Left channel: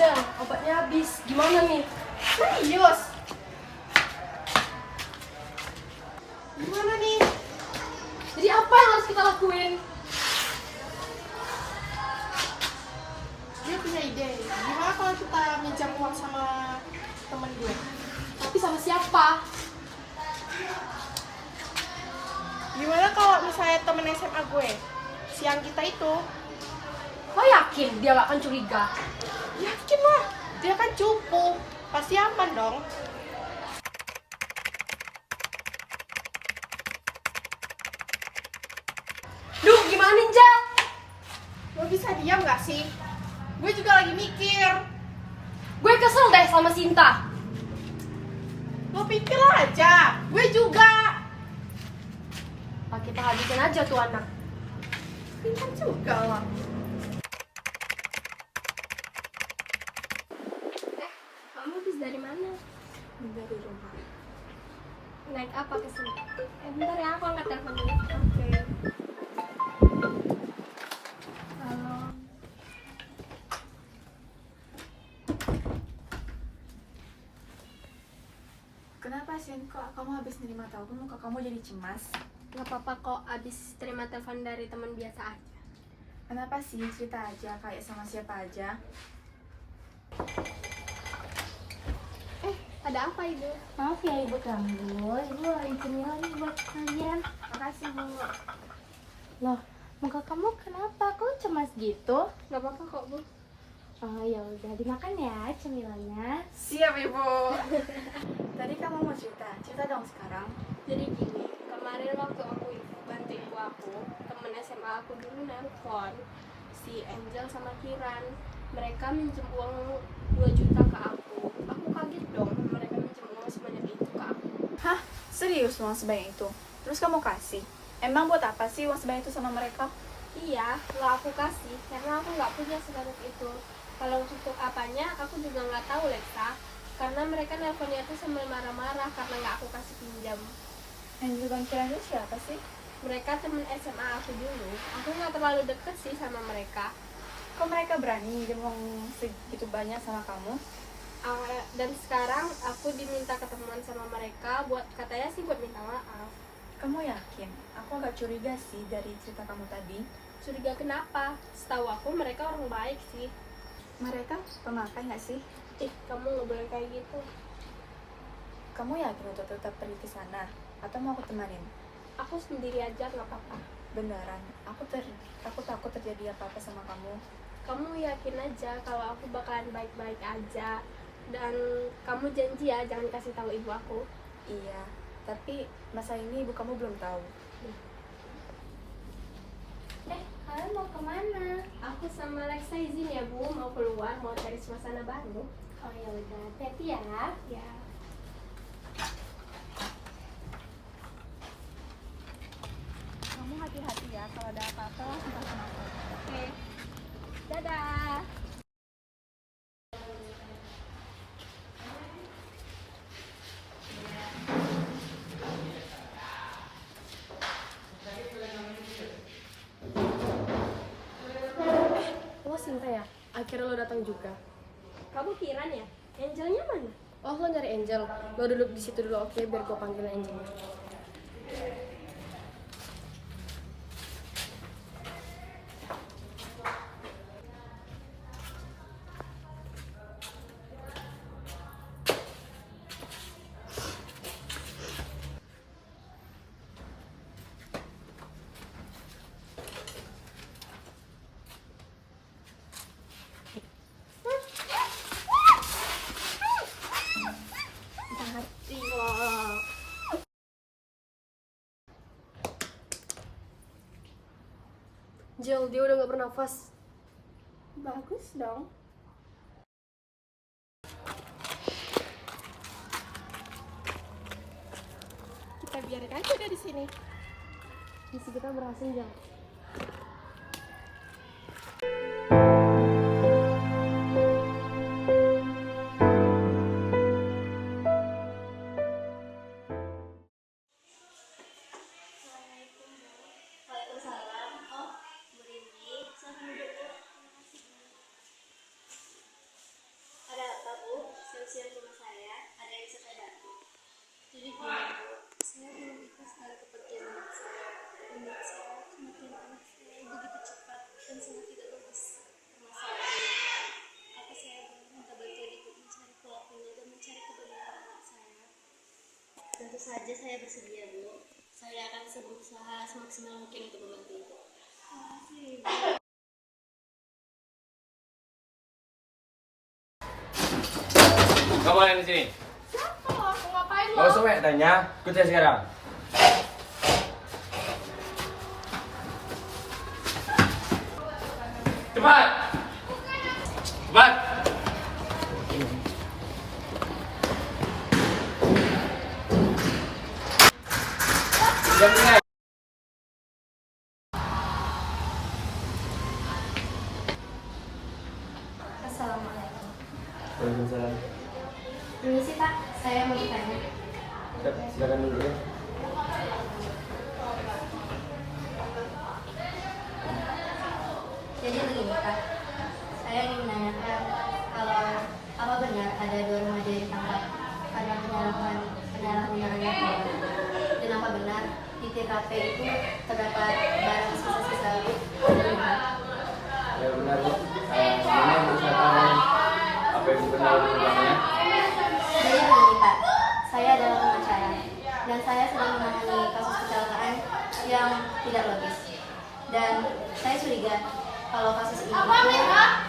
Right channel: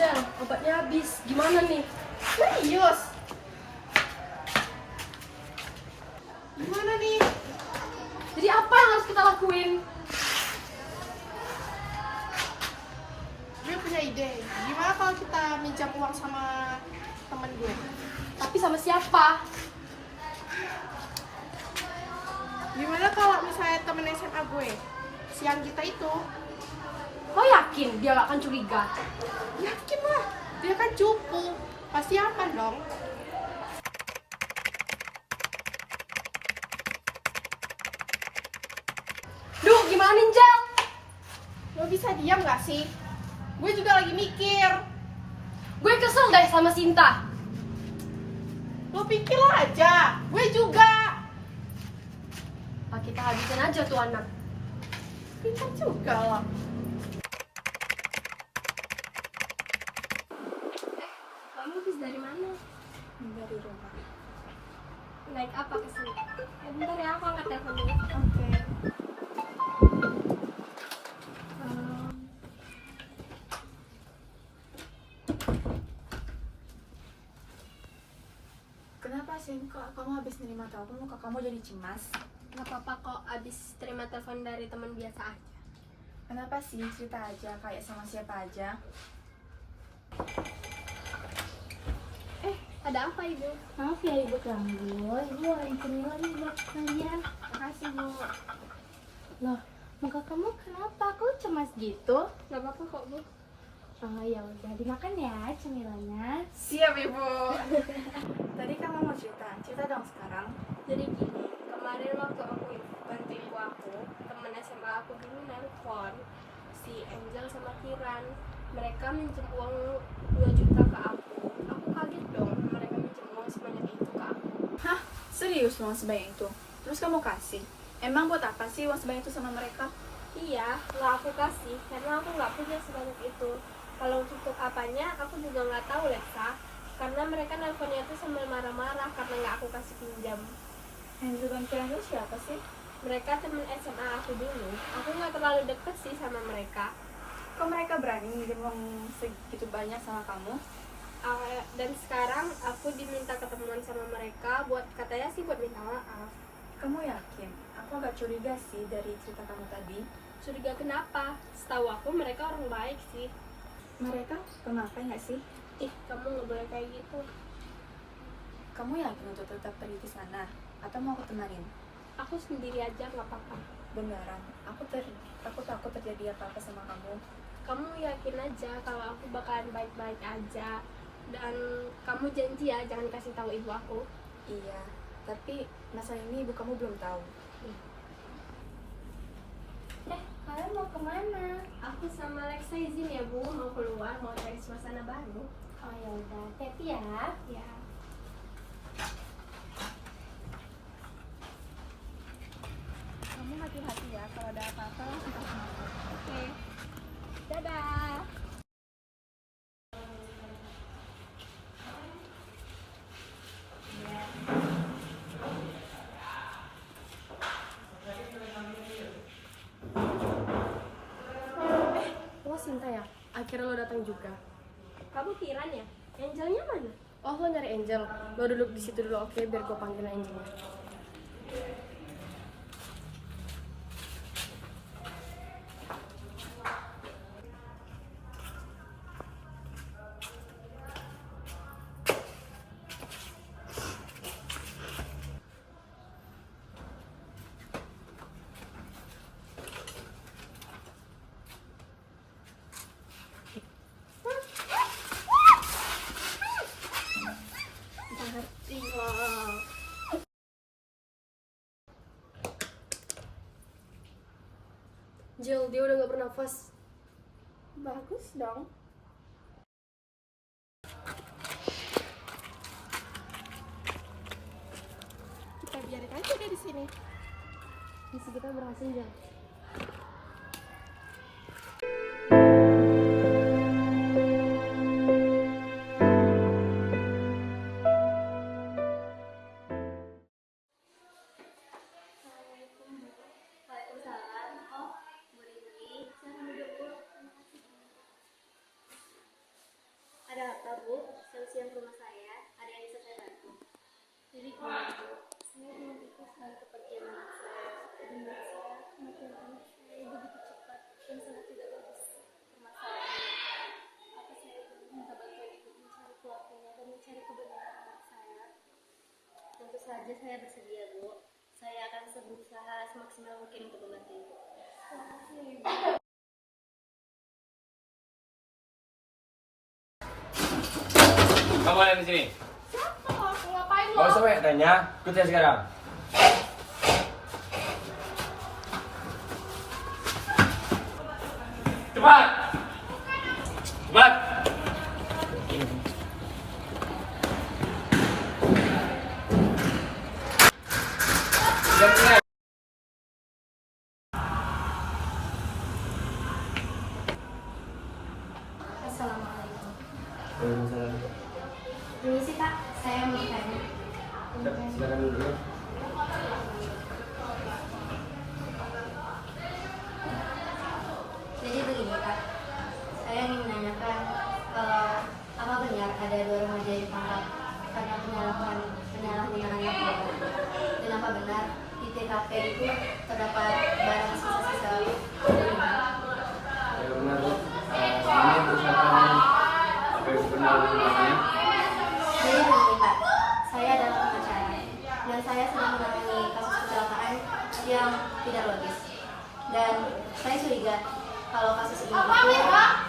Angel, obatnya habis. Gimana nih? Serius? Gimana nih? Jadi apa yang harus kita lakuin? Gue punya ide. Gimana kalau kita minjam uang sama temen gue? Tapi sama siapa? Gimana kalau misalnya temen SMA gue? Siang kita itu. Lo yakin dia gak akan curiga? Yakin lah. Dia kan cupu. Pasti aman dong. Duh, gimana Angel? Lo bisa diam gak sih? Gue juga lagi mikir. Gue kesel deh sama Sinta. Lo pikir aja. Gue juga. Kita habisin aja tuh anak. Pintar juga lah. Kamu habis dari mana? Dari rumah. Naik apa ke sini? Bentar ya, aku angkat telepon dulu. Oke. Kenapa Sin? Kok kamu habis nerima telepon muka kamu jadi cemas? Gak apa-apa kok, abis terima telepon dari teman biasa aja. Kenapa sih? Cerita aja, kayak sama siapa aja. Ada apa Ibu? Maaf ya Ibu ganggu, Ibu bawain cemilan buat kalian. Makasih Bu. Loh, muka kamu kenapa? Kok cemas gitu? Gak apa-apa kok Bu. Oh ya udah dimakan ya cemilannya. Siap Ibu. Tadi kamu mau cerita dong sekarang. Jadi gini, kemarin waktu aku bantu ibu aku, temen SMA aku dulu nelpon si Angel sama Kiran. Mereka minjem uang 2 juta ke aku. Aku kaget dong, mereka minjem uang sebanyak itu ke aku. Hah? Serius uang sebanyak itu? Terus kamu kasih? Emang buat apa sih uang sebanyak itu sama mereka? Iya, lah aku kasih karena aku nggak punya sebanyak itu. Kalau untuk apanya, aku juga nggak tahu Lexa. Karena mereka nelponnya tuh sambil marah-marah karena nggak aku kasih pinjam. Angel dan Kiran itu siapa sih? Mereka temen SMA aku dulu. Aku nggak terlalu deket sih sama mereka. Kok mereka berani minjem uang segitu banyak sama kamu? Dan sekarang aku diminta ketemuan sama mereka buat katanya sih buat minta maaf. Kamu yakin? Aku agak curiga sih dari cerita kamu tadi. Curiga kenapa? Setahu aku mereka orang baik sih. Mereka pemakai nggak sih? Ih, kamu nggak boleh kayak gitu. Kamu yakin untuk tetap pergi ke sana? Atau mau aku temanin? Aku sendiri aja nggak apa-apa. Beneran, aku takut terjadi apa-apa sama kamu. Kamu yakin aja kalau aku bakalan baik-baik aja. Dan kamu janji ya jangan kasih tahu ibu aku. Iya, tapi masalah ini ibu kamu belum tahu. Kalian mau kemana? Aku sama Lexa izin ya Bu, mau keluar, mau cari suasana baru. Oh ya udah, hati-hati ya. Ya. Kamu hati-hati ya, kalau ada apa-apa langsung telepon aku. Oke. Dadah. Lo Sinta ya? Akhirnya lo datang juga. Kamu Kiran ya? Angelnya mana? Oh, lo nyari Angel. Lo duduk di situ dulu, oke? Biar gue panggil Angelnya. Hati lo. Jel, dia udah gak bernafas. Bagus dong. Kita biarin aja dia di sini. Misi kita berhasil, Jel. Waalaikumsalam. Oh, Bu Rini, silahkan duduk Bu. siang ke rumah saya. Ada yang bisa saya bantu? Jadi gini Bu, saya belum ikhlas dengan kepergian anak saya. Dan menurut saya kematian anak saya begitu cepat dan sangat tidak bagus permasalahannya. Apa saya boleh minta bantuan Ibu mencari pelakunya dan mencari kebenaran anak saya? Tentu saja saya bersedia Bu. Saya akan berusaha semaksimal mungkin untuk membantu Ibu. Terima kasih Ibu. Kamu ada di sini? Siapa lo? Ngapain lo? Gak usah banyak tanya, ikut saya sekarang. Cepat! Cepat! Diam sini. Assalamualaikum. Waalaikumsalam. Permisi Pak, saya mau bertanya. Silakan dulu ya. Jadi begini Pak, saya ingin menanyakan kalau apa benar ada 2 remaja ditangkap karena penyalahgunaan narkoba, dan apa benar di TKP itu terdapat barang sisa-sisa pembunuhan? Ya benar Bu. Ini berusaha tahanan. Apa yang benar belakangnya? Jadi begini Pak, saya adalah pengacara dan saya sedang menangani kasus kecelakaan yang tidak logis. Dan saya curiga kalau kasus ini itu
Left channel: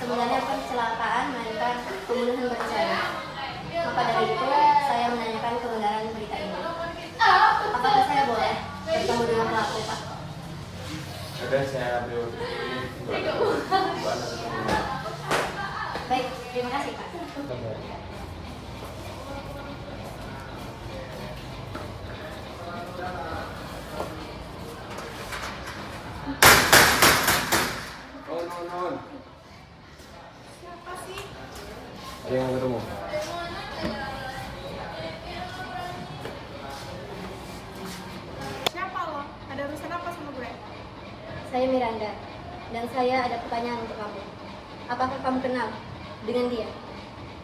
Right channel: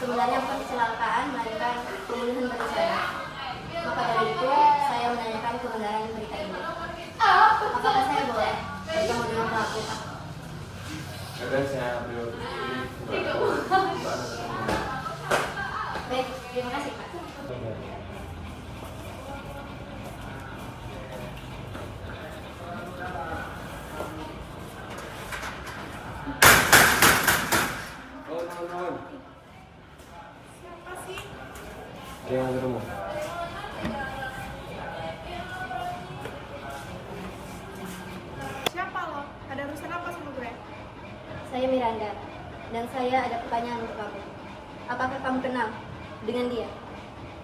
sebenarnya bukan kecelakaan melainkan pembunuhan berencana. Maka dari itu saya menanyakan kebenaran berita ini. Apakah saya boleh bertemu dengan pelaku Pak? Akan saya beri waktu ini Mbak Anak ketemu. Baik, terima kasih Pak. Oh, non. Siapa sih? Ada yang ketemu. Siapa lo? Ada urusan apa sama gue? Saya Miranda dan saya ada pertanyaan untuk kamu. Apakah kamu kenal dengan dia?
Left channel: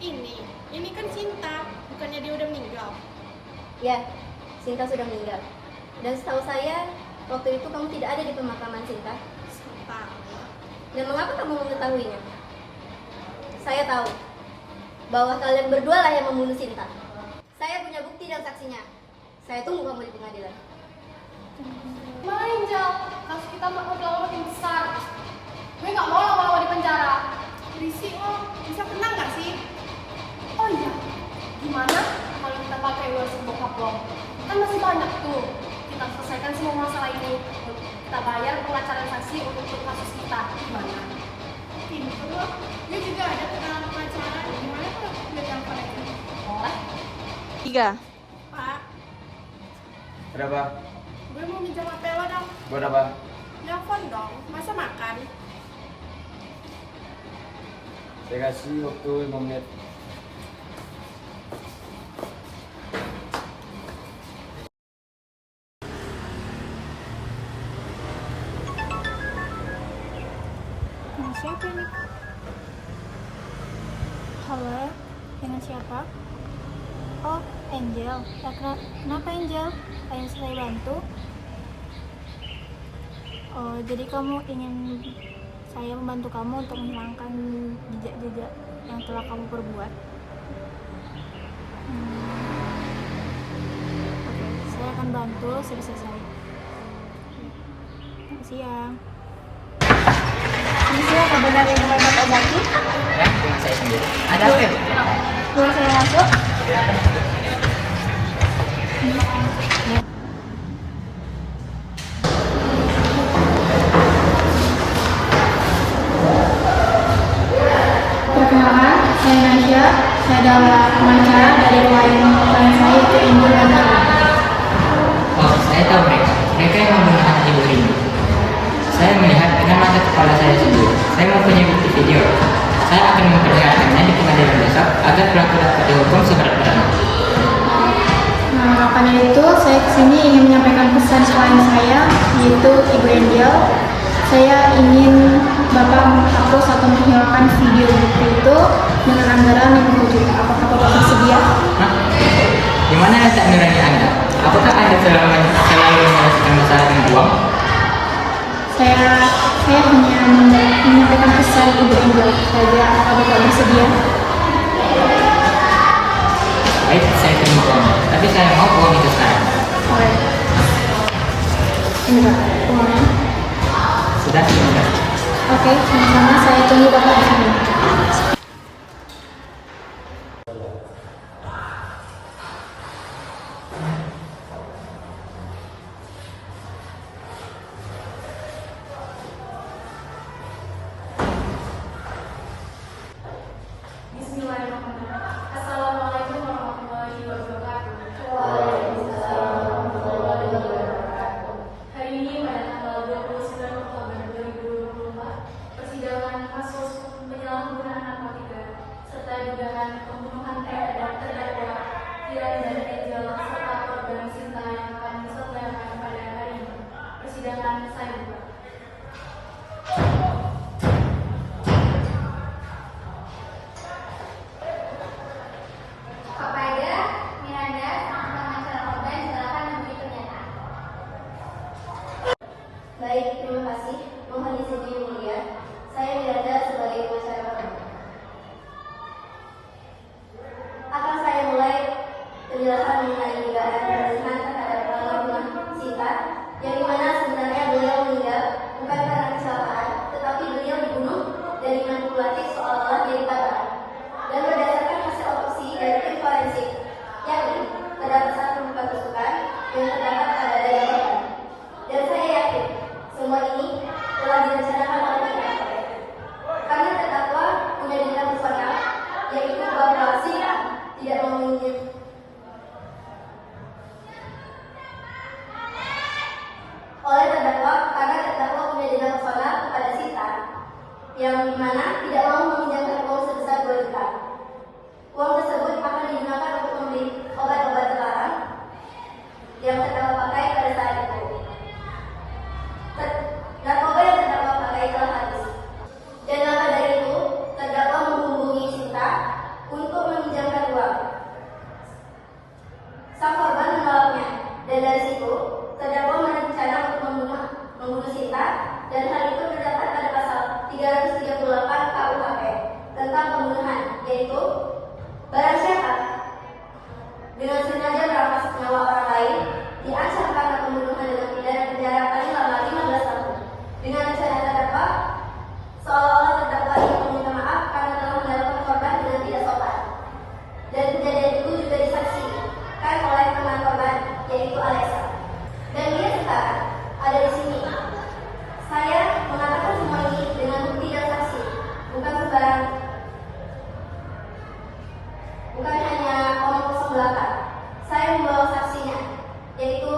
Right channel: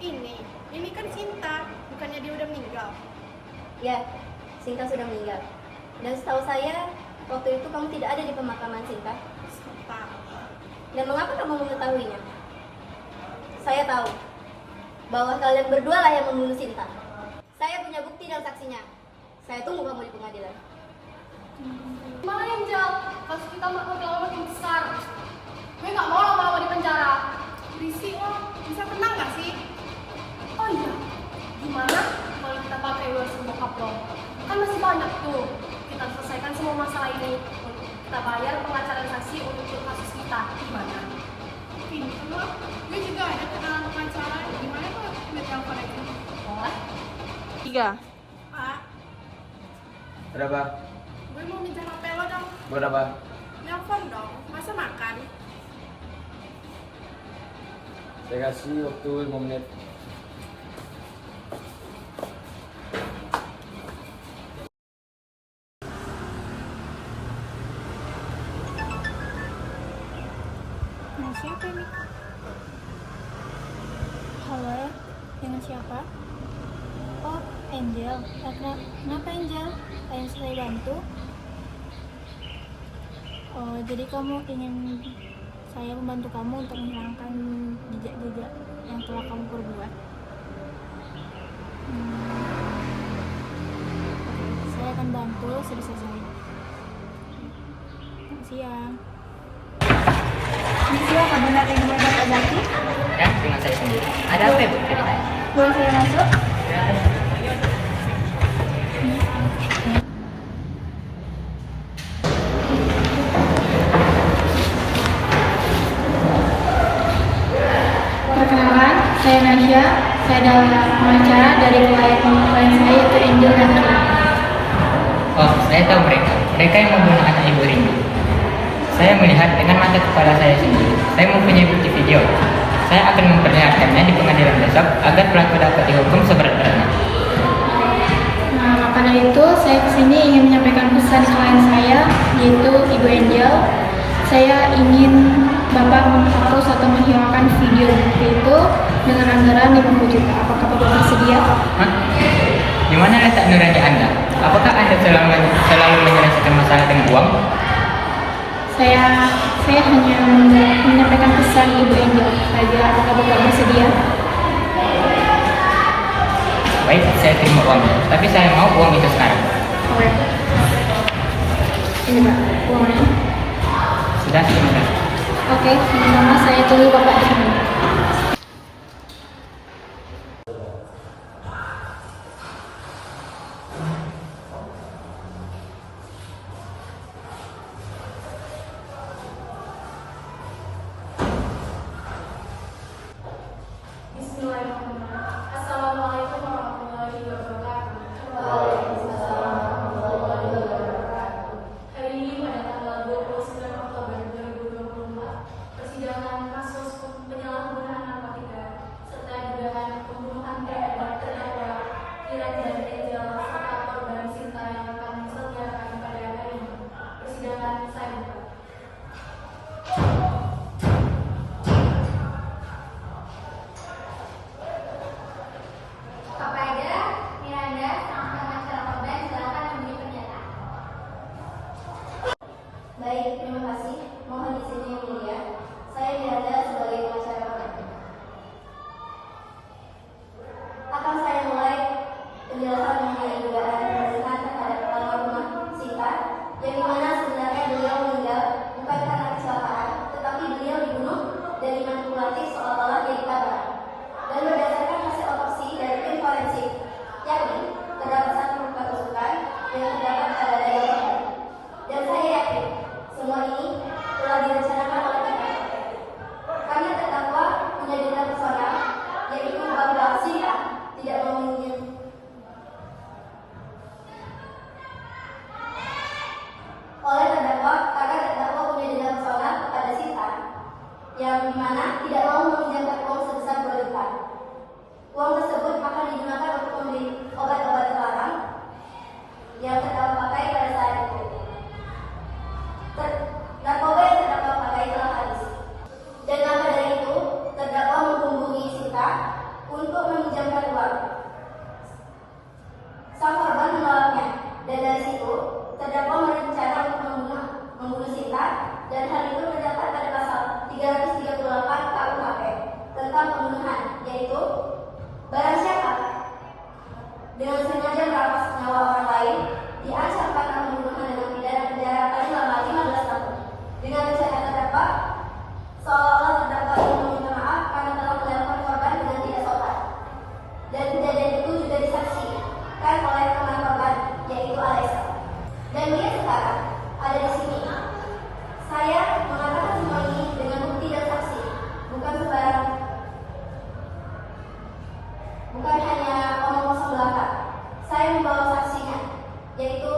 Ini kan Cinta, bukannya dia udah meninggal? Ya, Sinta sudah meninggal. Dan setahu saya, waktu itu kamu tidak ada di pemakaman Sinta. Pak. Dan mengapa kamu mengetahuinya? Saya tahu bahwa kalian berdua lah yang membunuh Sinta. Saya punya bukti dan saksinya. Saya tunggu kamu di pengadilan. Gimana Angel? Kasus kita makin besar. Gue nggak mau lama-lama di penjara. Berisik lo, bisa tenang gak sih? Oh iya, gimana kalau kita pakai uang bokap lo? Kan masih banyak tuh. Kita selesaikan semua masalah ini. Kita bayar pengacara saksi untuk kasus kita. Gimana? Pinter lo, gue juga ada kenalan pengacara. Gimana kalau gue telepon aja? Boleh. 3. Pak, Ada apa? gue mau minjem HP lo dong. Buat apa? Nelfon dong, masa makan? Saya kasih waktu 5 menit. Nah, siapa ini? Halo, dengan siapa? Oh, Angel. Ya, kenapa Angel? Ada yang bisa saya bantu? Oh, jadi kamu ingin saya membantu kamu untuk menghilangkan jejak-jejak yang telah kamu perbuat? Oke, saya akan bantu sebisa saya. Selamat siang. Ini dia kebenaran yang Bapak obati? Ya, dengan saya sendiri. Ada apa ya, Bu? Boleh saya masuk? Perkenalkan, saya Nasya. Saya adalah pengacara dari klien saya itu Angel dan Rizky. Oh, saya tahu mereka. Mereka yang membunuh anak Ibu Rini. Saya melihat dengan mata kepala saya sendiri. Saya mempunyai bukti video. Saya akan memperlihatkannya di pengadilan besok agar pelaku dapat dihukum seberat-beratnya. Nah, karena itu saya kesini ingin menyampaikan pesan klien saya, yaitu Ibu Angel. Saya ingin Bapak menghapus atau menghilangkan video bukti itu dengan anggaran 50 juta. Apakah Bapak bersedia? Hah? Di mana letak nurani Anda? Apakah Anda selalu menyelesaikan masalah dengan uang? Saya hanya menyampaikan pesan Ibu Angel saja. Apakah Bapak bersedia? Baik, saya terima uangnya. Tapi saya mau uang itu sekarang. Oke. Ini Pak, uangnya. Sudah, terima kasih. Oke, sama-sama. Saya tunggu Bapak di sini. Assalamualaikum warahmatullahi wabarakatuh. Hari ini pada tanggal 29 Oktober 2024, persidangan kasus penyalahgunaan narkotika serta dugaan pembunuhan terhadap terdakwa Kiran dan Angel serta korban Sinta yang akan diselenggarakan pada hari ini. Persidangan saya buka. Kepada Miranda, sang pengacara korban, silakan memberi pernyataan. Baik, terima kasih. Mohon izin yang mulia. Saya Miranda sebagai pengacara korban. Akan saya mulai penjelasan mengenai dugaan pembunuhan terhadap almarhumah Sinta, yang dimana sebenarnya beliau meninggal bukan karena kecelakaan, tetapi beliau dibunuh dan dimanipulatif seolah-olah dia ditabrak. Dan berdasarkan hasil otopsi dari tim forensik, yakni terdapat satu tempat tusukan yang terdapat pada dada korban. Dan saya yakin semua ini telah direncanakan oleh pihak karena terdakwa punya dendam personal, yaitu bahwa Sinta tidak memenuhi oleh terdakwa karena terdakwa punya dendam personal kepada Sinta, yang dimana tidak mau meminjamkan uang sebesar 2 juta. Uang tersebut akan digunakan untuk membeli obat-obat terlarang yang terdakwa pakai pada saat itu. Narkoba yang terdakwa pakai telah habis. Dan maka dari itu, terdakwa menghubungi Sinta untuk meminjamkan uang. Sang korban menolaknya, dan dari situ terdakwa berencana untuk membunuh Sinta, dan hal itu terdapat pada pasal 338 KUHP tentang pembunuhan, yaitu barang siapa dengan sengaja merampas nyawa orang lain diancam karena pembunuhan dengan pidana penjara paling lama 15 tahun. Dengan rencana terdakwa seolah-olah terdakwa ingin meminta maaf karena telah melakukan korban dengan tidak sopan. Dan kejadian itu juga disaksikan oleh teman korban, yaitu Alessa. Dan dia sekarang ada di sini. Saya mengatakan semua ini dengan bukti dan saksi, bukan sembarang, bukan hanya omong kosong belaka. Saya membawa saksinya, yaitu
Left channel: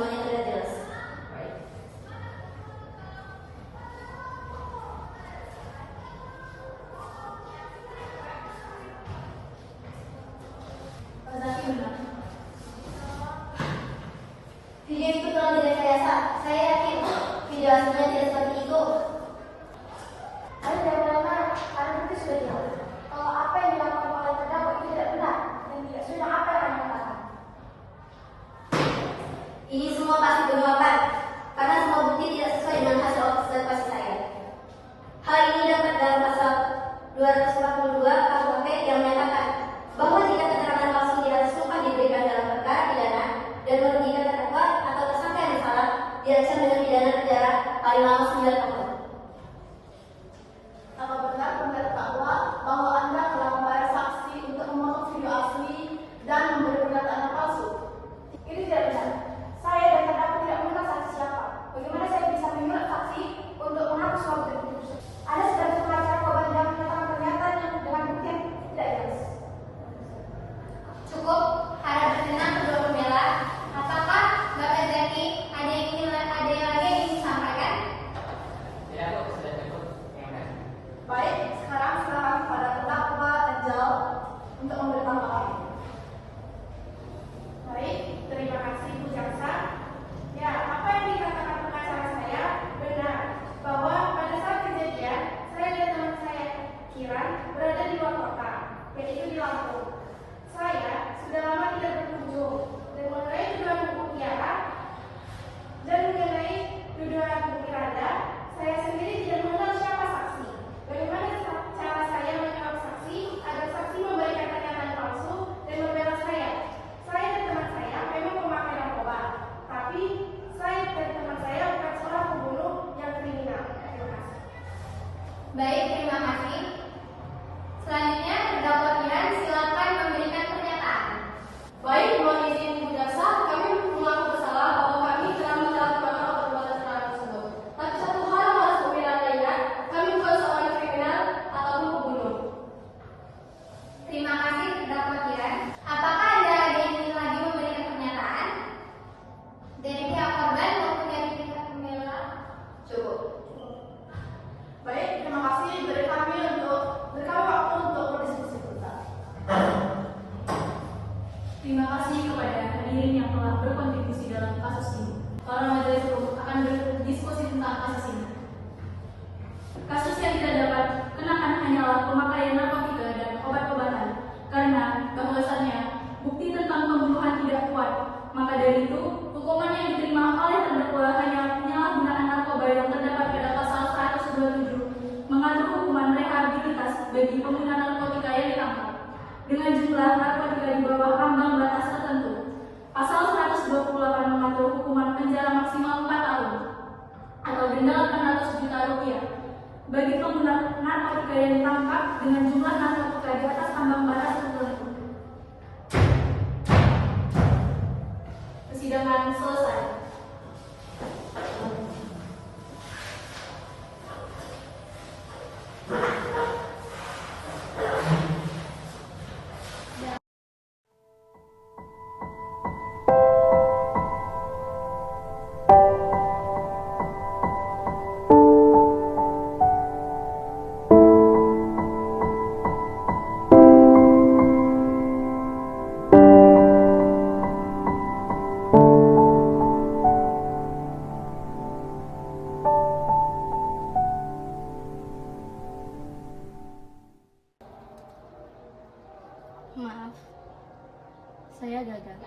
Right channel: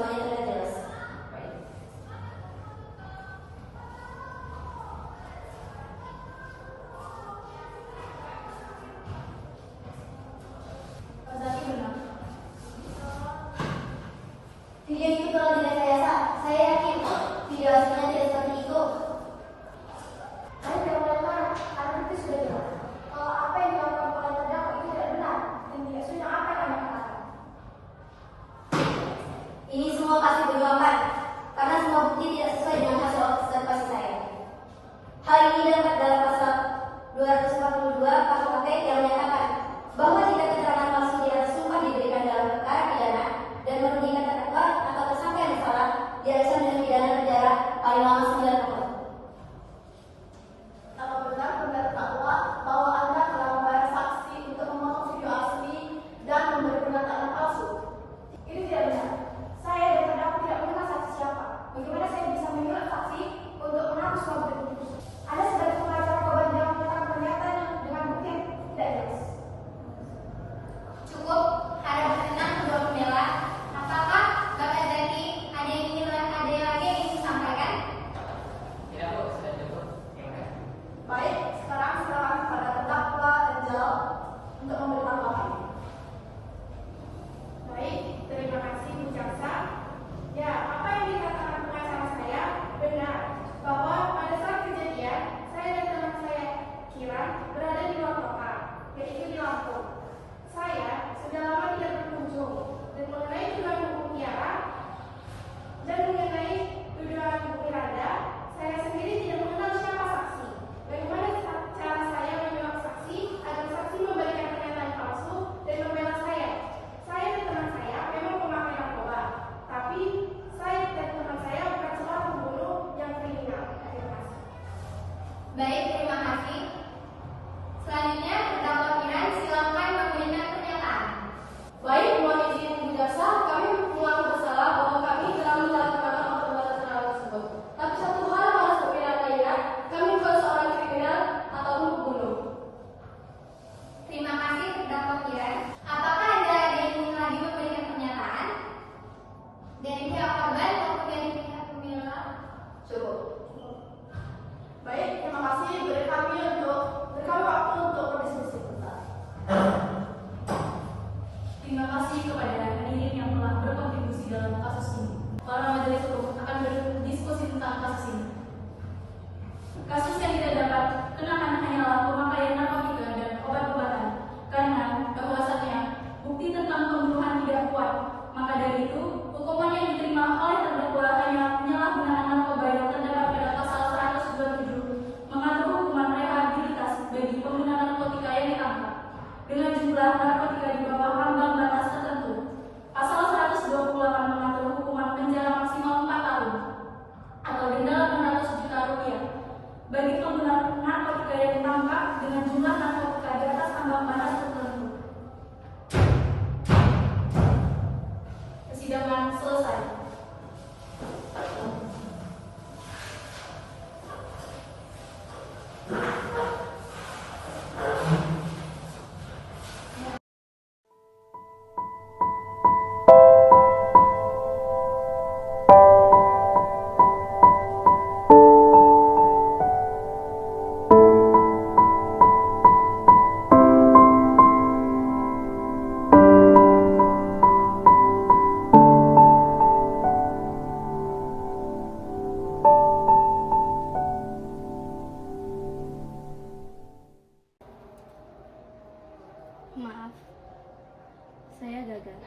semuanya tidak jelas. Video itu telah dari saya yakin video aslinya tidak seperti itu. Anda tidak melakukan karena itu sudah jelas. Kalau apa yang dilakukan oleh terdakwa itu tidak benar dan tidak sudah apa yang Anda katakan. Ini semua pasti berjawaban karena semua bukti tidak sesuai dengan hasil observasi saya. Hal ini dapat dalam pasal 242 KUHP yang menyatakan bahwa jika keterangan palsu di atas sumpah diberikan dalam perkara pidana dan merugikan terdakwa atau tersangka yang bersalah, diancam dengan pidana penjara paling lama 9 tahun. Apa benar terdakwa bahwa Anda telah membayar saksi untuk memotong video asli dan memberi pernyataan yang palsu? Ini tidak benar. Saya dan terdakwa tidak mengenal saksi siapa. Bagaimana saya bisa menyuruh saksi untuk mengaku suatu itu? Anda sebagai pengacara korban yang menyatakan pernyataan yang dengan bukti yang tidak jelas. Cukup, harap berkenan kedua pembela. Apakah Bapak Zaki ada yang lagi ingin disampaikan? Ya, Bu, sudah cukup. Terima kasih. Baik, sekarang silakan kepada terdakwa Angel untuk memberi tanggapan. Baik, terima kasih Bu Jaksa. Ya, apa yang dikatakan pengacara saya benar bahwa pada saat kejadian saya dan teman saya Kiran berada di luar kota, yaitu di Lampung. Saya sudah lama tidak berkunjung dan mengenai tuduhan Bu Tiara dan mengenai tuduhan Bu Miranda, saya sendiri tidak mengenal siapa saksi. Bagaimana cara saya menjawab saksi agar saksi memberikan pernyataan palsu dan membela saya? Saya dan teman saya memang pemakai narkoba, tapi saya dan teman saya bukan seorang pembunuh yang kriminal. Terima kasih. Baik, terima kasih. Selanjutnya, terdakwa Kiran silakan memberikan pernyataan. Baik, mohon izin Bu Jaksa, kami mengaku bersalah bahwa kami telah menyalahgunakan obat-obatan terlarang tersebut. Tapi satu hal yang harus Bu Miranda ingat, kami bukan seorang kriminal ataupun pembunuh. Terima kasih, terdakwa Kiran. Apakah Anda ada yang ingin lagi memberikan pernyataan? Dari pihak korban maupun dari pihak pembela? Cukup. Baik, terima kasih. Beri kami waktu untuk berdiskusi sebentar. Terima kasih kepada hadirin yang telah berkontribusi dalam kasus ini. Para majelis hukum akan berdiskusi tentang kasus ini. Kasus yang tidak dapat kenakan hanyalah pemakaian narkotika dan obat-obatan, karena bahwasannya bukti tentang pembunuhan tidak kuat. Maka dari itu, hukuman yang diterima oleh terdakwa hanya penyalahgunaan narkoba yang terdapat pada pasal 127 mengatur hukuman rehabilitas bagi pengguna narkotika yang ditangkap dengan jumlah narkotika di bawah ambang batas tertentu. Pasal 128 mengatur hukuman penjara maksimal 4 tahun atau denda 800 juta rupiah bagi pengguna narkotika yang ditangkap dengan jumlah narkotika di atas ambang batas tertentu. Persidangan selesai. Maaf, saya gagal.